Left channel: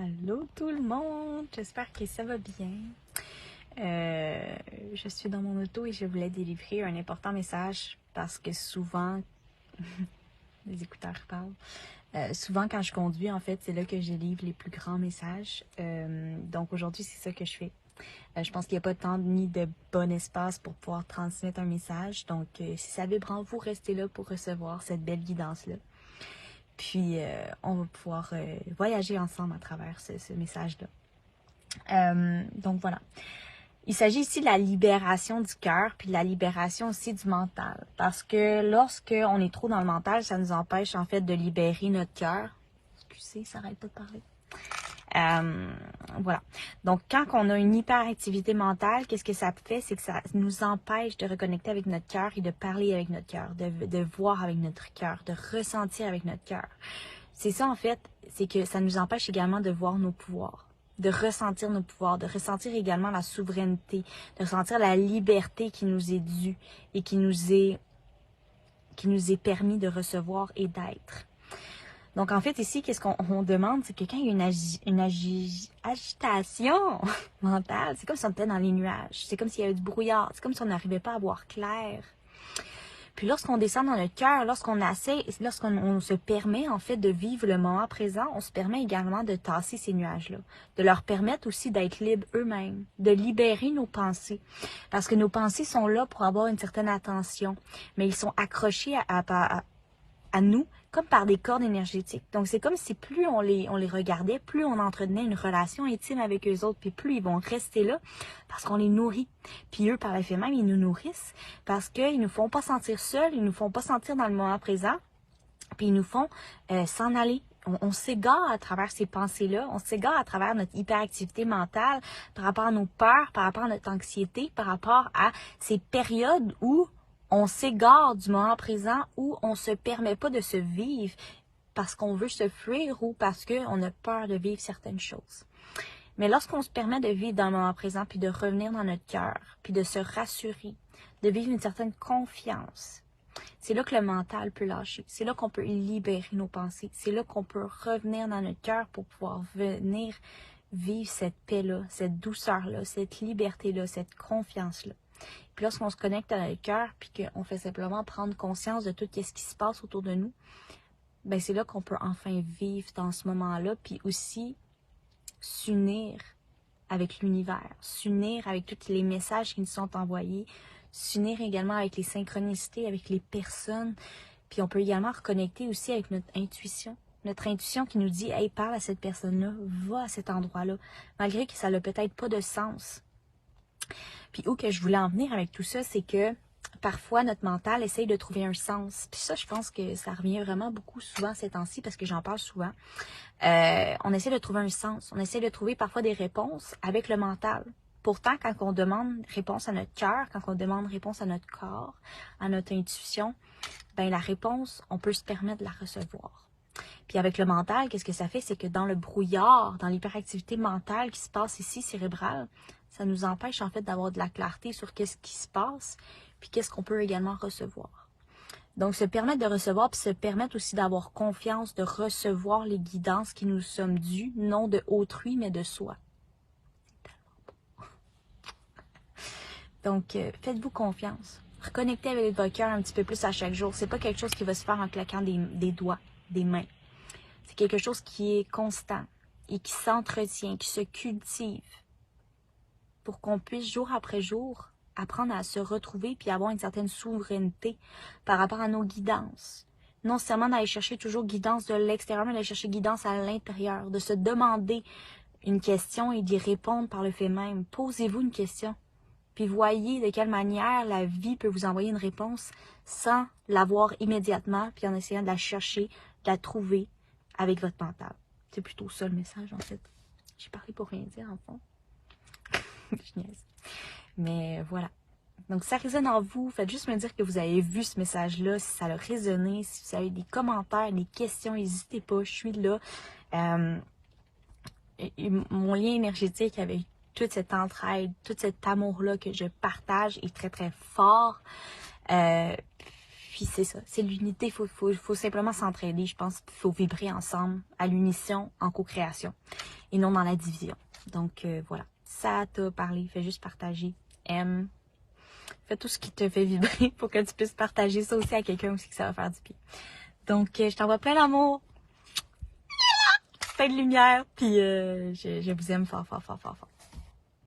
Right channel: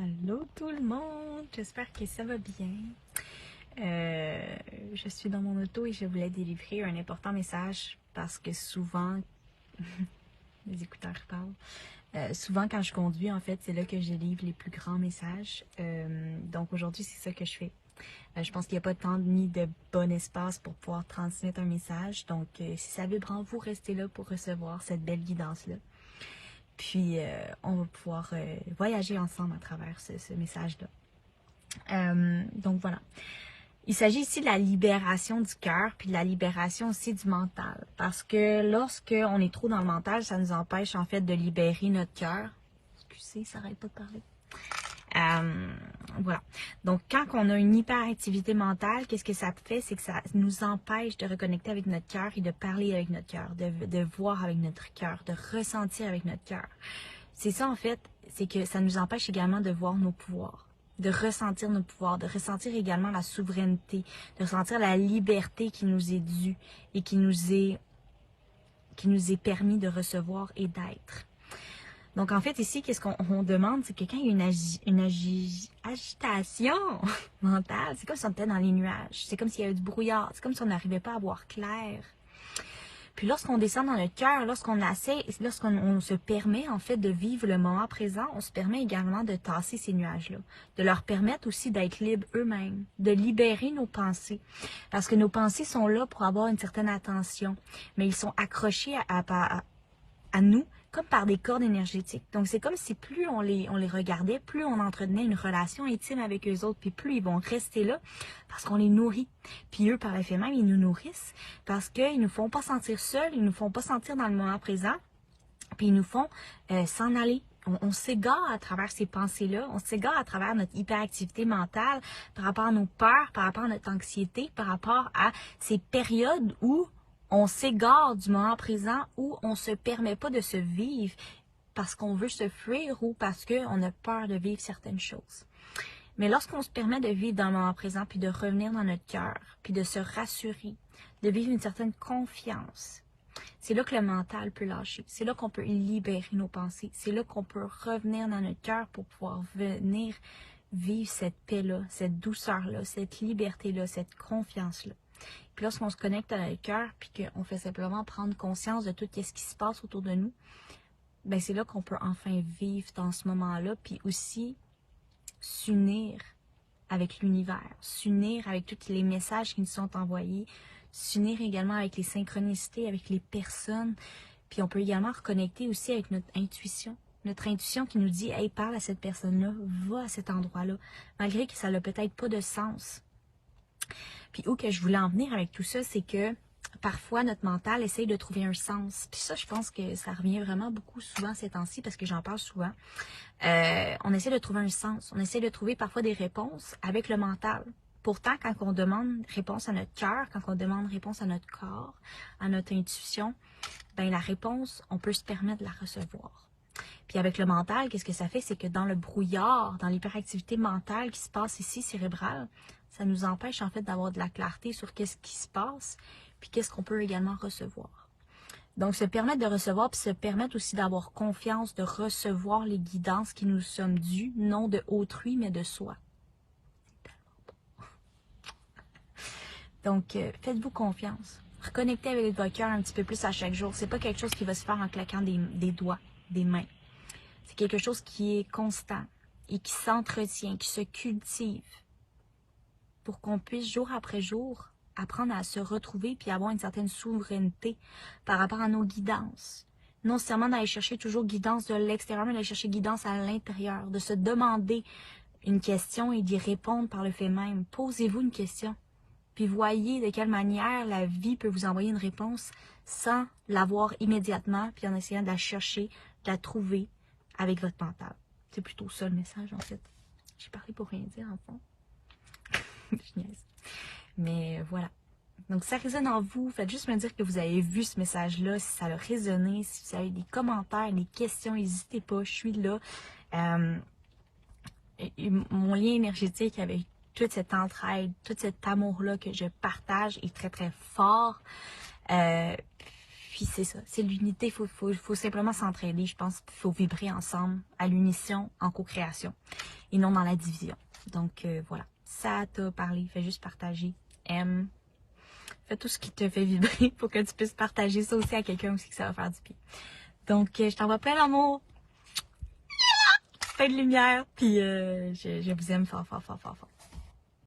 Allô tout le monde, j'espère que ça va bien. Je suis dans mon auto et je voulais délivrer un important message parce que souvent, les écouteurs parlent, souvent quand je conduis en fait c'est là que je délivre les plus grands messages. Donc aujourd'hui c'est ça que je fais. Je pense qu'il n'y a pas de temps ni de bon espace pour pouvoir transmettre un message. Donc si ça vibre en vous, restez là pour recevoir cette belle guidance-là. Puis, on va pouvoir voyager ensemble à travers ce message-là. Donc, voilà. Il s'agit ici de la libération du cœur, puis de la libération aussi du mental. Parce que lorsqu'on est trop dans le mental, ça nous empêche en fait de libérer notre cœur. Excusez, ça n'arrête pas de parler. Voilà. Donc, quand on a une hyperactivité mentale, qu'est-ce que ça fait? C'est que ça nous empêche de reconnecter avec notre cœur et de parler avec notre cœur, de voir avec notre cœur, de ressentir avec notre cœur. C'est ça, en fait, c'est que ça nous empêche également de voir nos pouvoirs, de ressentir nos pouvoirs, de ressentir également la souveraineté, de ressentir la liberté qui nous est due et qui nous est permis de recevoir et d'être. Donc, en fait, ici, qu'est-ce qu'on demande? C'est que quand il y a une agitation mentale, c'est comme si on était dans les nuages. C'est comme s'il y avait du brouillard. C'est comme si on n'arrivait pas à voir clair. Puis lorsqu'on descend dans le cœur, lorsqu'on se permet, en fait, de vivre le moment présent, on se permet également de tasser ces nuages-là. De leur permettre aussi d'être libres eux-mêmes. De libérer nos pensées. Parce que nos pensées sont là pour avoir une certaine attention. Mais ils sont accrochés à nous, comme par des cordes énergétiques. Donc, c'est comme si plus on les regardait, plus on entretenait une relation intime avec eux autres, puis plus ils vont rester là parce qu'on les nourrit. Puis eux, par effet même, ils nous nourrissent parce qu'ils ne nous font pas sentir seuls, ils ne nous font pas sentir dans le moment présent, puis ils nous font s'en aller. On s'égare à travers ces pensées-là, on s'égare à travers notre hyperactivité mentale, par rapport à nos peurs, par rapport à notre anxiété, par rapport à ces périodes où on s'égare du moment présent, où on ne se permet pas de se vivre parce qu'on veut se fuir ou parce qu'on a peur de vivre certaines choses. Mais lorsqu'on se permet de vivre dans le moment présent, puis de revenir dans notre cœur, puis de se rassurer, de vivre une certaine confiance, c'est là que le mental peut lâcher. C'est là qu'on peut libérer nos pensées. C'est là qu'on peut revenir dans notre cœur pour pouvoir venir vivre cette paix-là, cette douceur-là, cette liberté-là, cette confiance-là. Puis lorsqu'on se connecte à notre cœur, puis qu'on fait simplement prendre conscience de tout ce qui se passe autour de nous, ben c'est là qu'on peut enfin vivre dans ce moment-là, puis aussi s'unir avec l'univers, s'unir avec tous les messages qui nous sont envoyés, s'unir également avec les synchronicités, avec les personnes. Puis on peut également reconnecter aussi avec notre intuition. Notre intuition qui nous dit « Hey, parle à cette personne-là, va à cet endroit-là », malgré que ça n'a peut-être pas de sens. Puis où que je voulais en venir avec tout ça, c'est que parfois notre mental essaye de trouver un sens. Puis ça, je pense que ça revient vraiment beaucoup souvent ces temps-ci parce que j'en parle souvent. On essaie de trouver un sens. On essaie de trouver parfois des réponses avec le mental. Pourtant, quand on demande réponse à notre cœur, quand on demande réponse à notre corps, à notre intuition, ben la réponse, on peut se permettre de la recevoir. Puis avec le mental, qu'est-ce que ça fait? C'est que dans le brouillard, dans l'hyperactivité mentale qui se passe ici, cérébrale, ça nous empêche en fait d'avoir de la clarté sur qu'est-ce qui se passe, puis qu'est-ce qu'on peut également recevoir. Donc, se permettre de recevoir, puis se permettre aussi d'avoir confiance, de recevoir les guidances qui nous sommes dues, non de autrui, mais de soi. Donc, faites-vous confiance. Reconnectez avec votre cœur un petit peu plus à chaque jour. C'est pas quelque chose qui va se faire en claquant des doigts, des mains. C'est quelque chose qui est constant et qui s'entretient, qui se cultive pour qu'on puisse jour après jour apprendre à se retrouver puis avoir une certaine souveraineté par rapport à nos guidances. Non seulement d'aller chercher toujours guidance de l'extérieur, mais d'aller chercher guidance à l'intérieur, de se demander une question et d'y répondre par le fait même. Posez-vous une question, puis voyez de quelle manière la vie peut vous envoyer une réponse sans l'avoir immédiatement, puis en essayant de la chercher, de la trouver avec votre mental. C'est plutôt ça le message en fait. J'ai parlé pour rien dire en fond. Mais voilà. Donc, si ça résonne en vous, faites juste me dire que vous avez vu ce message-là, si ça a résonné, si vous avez des commentaires, des questions, n'hésitez pas, je suis là. Mon lien énergétique avec toute cette entraide, tout cet amour-là que je partage est très, très fort. Puis c'est ça, c'est l'unité, il faut simplement s'entraider, je pense qu'il faut vibrer ensemble, à l'unisson, en co-création. et non dans la division. Donc voilà, ça t'a parlé, fais juste partager, aime, fais tout ce qui te fait vibrer pour que tu puisses partager ça aussi à quelqu'un aussi que ça va faire du bien. Donc je t'envoie plein d'amour, plein de lumière, puis je vous aime fort, fort, fort, fort, fort.